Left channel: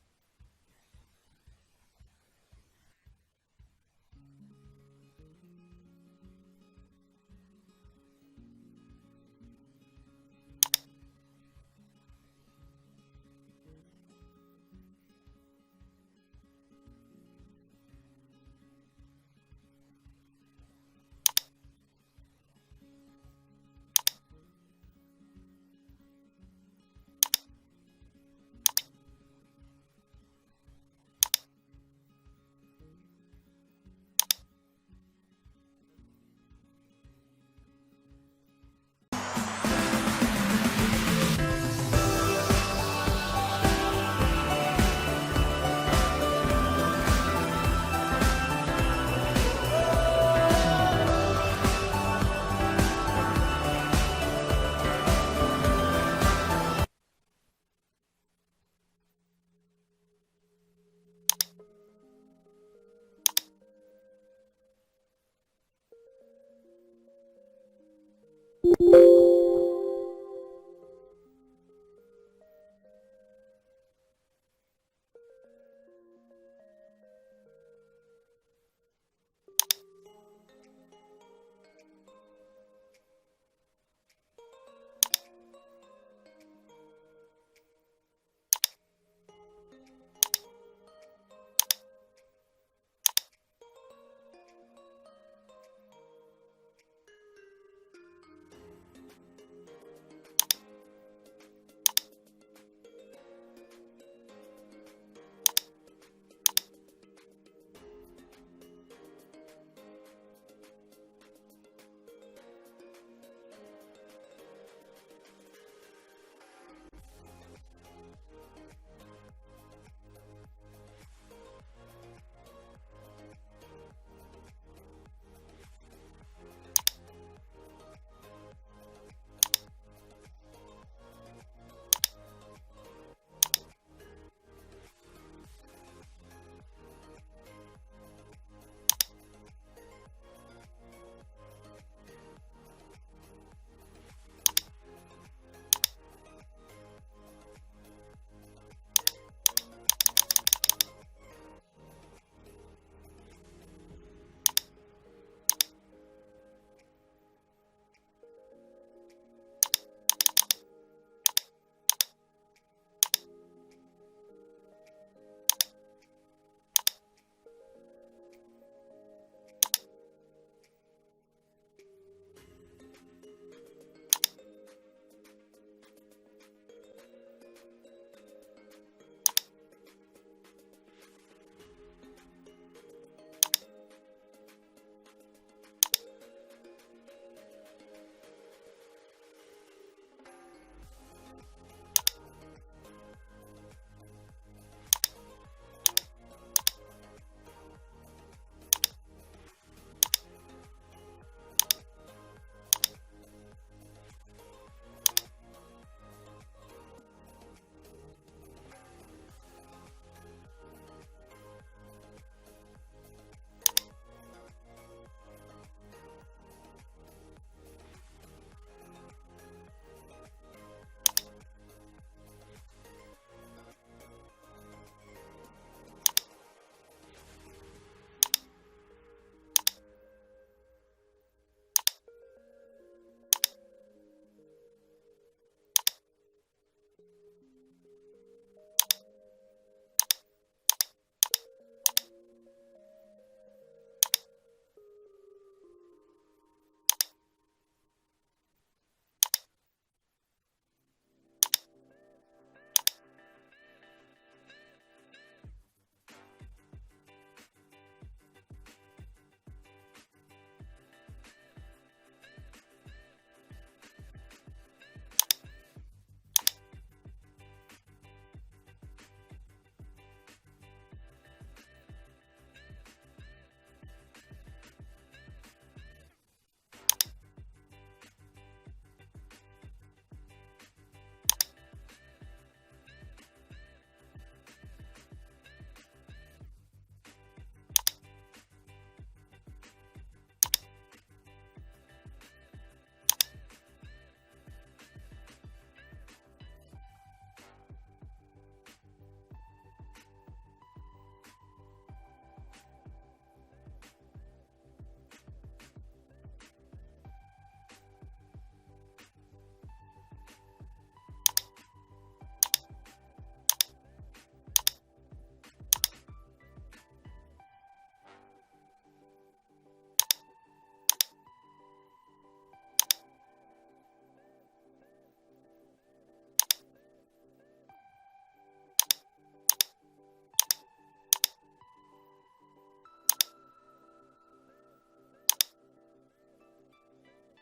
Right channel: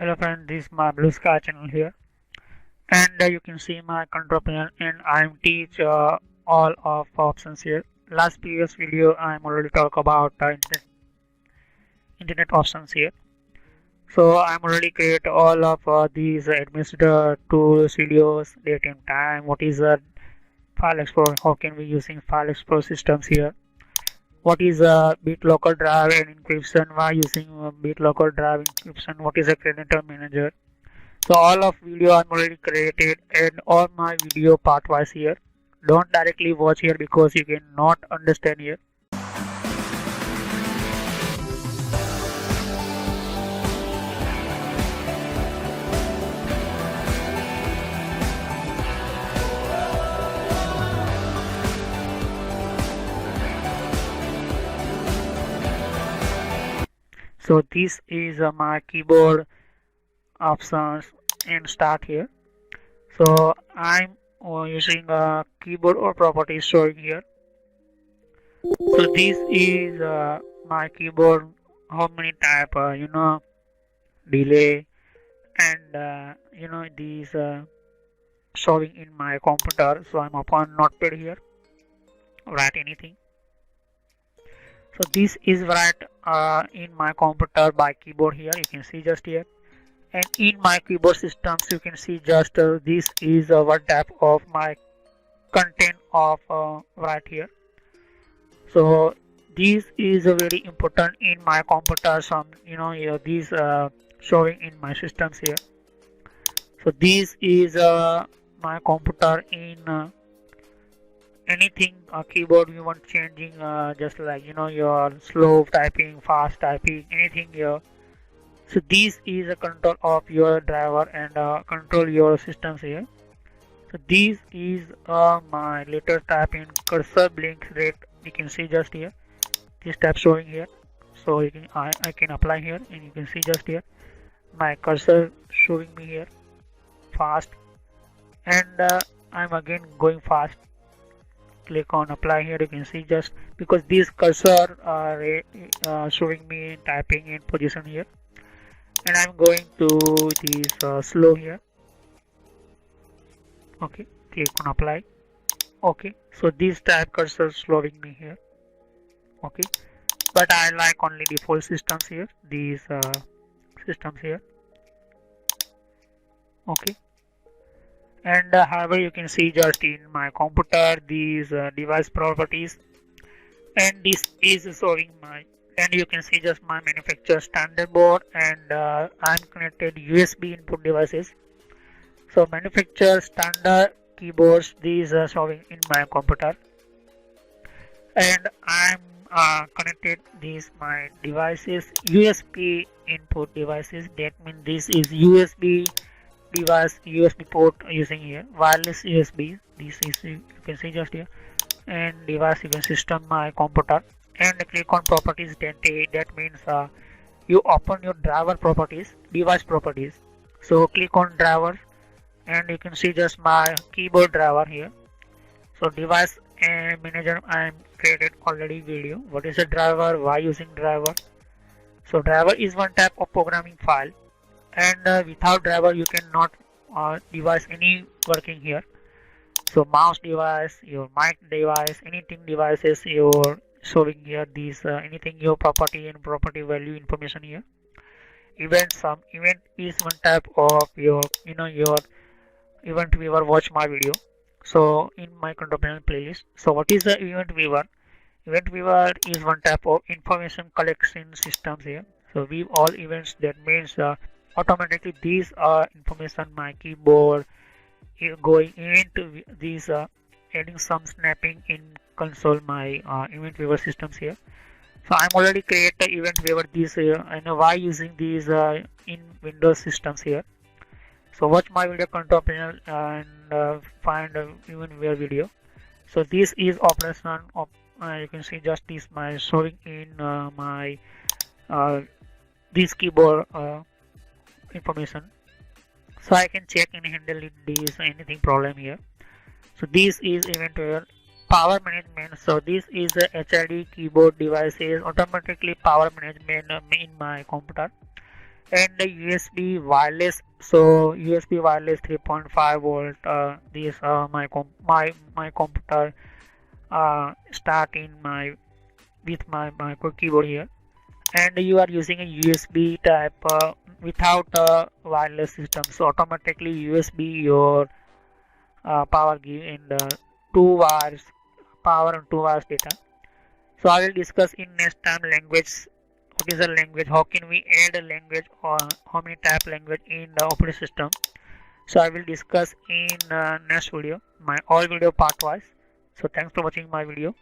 Hello friend, this is my Blue Sky channel here, and you can see my control panel, and I'm teach all of options here. Last previous video I'm already talk about internet options here. So I'm already create all of these administrator tools, videos, date and time. What is the file explorer? How can we using file explorer systems here? What is a BitLocker drive and encryption? Why using BitLocker drive encryption? What is a creditor manager? So all of video I'm already created and all my video part wise here. Don't directly watch here because you cannot understand here. So this is my keyboard options and start here. So I'm using a keyboard or properties showing here. So this is my keyboard. How many type? Delay and these showing in my computer. So I'm upon notepad here. Write anything. So this is write in my computer by keyboard here. You can see just here. And in my keyboard systems you can see just this is one type of my content of right here. So this is very important in my computer. Some these showing in my systems here. So this is my computer in anything keyboard you want changing, just like your slow typing, fast typing, anything here. So this is a control of your driver and control your systems here. So this is my letter type in cursor blink rate. You can see just here. This tab showing here. So you can I can apply here and you can see just here. My cursor showing me here fast, and I'm again going fast. Click on apply here. You can see just because these cursor are showing me typing in position here. And I'm going to this slow here. Okay, click on apply. Okay, so this type cursor slowing me here. Okay, but I like only default systems here, these systems here. Okay, and however you can see just in my computer these device properties, and this is showing my, and you can see just my manufacturer standard board, and I'm connected USB input devices. So manufacturer standard keyboards, these are showing in my computer, and I'm connected these my devices USB input devices. That means this is USB device, USB port using here, wireless USB. This is, you can see just here, and device even system my computer, and click on properties. That means you open your driver properties, device properties. So click on driver, and you can see just my keyboard driver here. So device and manager, I'm created already video. What is a driver? Why using driver? So driver is one type of programming file, and without driver you cannot device any working here. So mouse device, your mic device, anything devices you're showing here. These anything your property and property value information here. Event, some event is one type of your your event viewer. Watch my video. So in my control panel playlist. So what is the event viewer? Event viewer is one type of information collection systems here. So view all events. That means automatically these are information my keyboard going into these adding some snapping in console my event viewer systems here. So I'm already create the event viewer this here, and why using these in Windows systems here. So watch my video control panel and find event viewer video. So this is operation of you can see just this my showing in my this keyboard information. So I can check and handle this anything problem here. So this is event viewer. Power management. So this is a HID keyboard devices automatically power management in my computer. and the USB wireless. So USB wireless 3.5 volt. This my computer start in my with my keyboard here, and you are using a USB type without a wireless system. So automatically USB your power give in the 2 hours power and 2 hours data. So I will discuss in next time language. What is a language? How can we add a language or how many type language in the operating system? So I will discuss in next video, my all video part wise. So thanks for watching my video.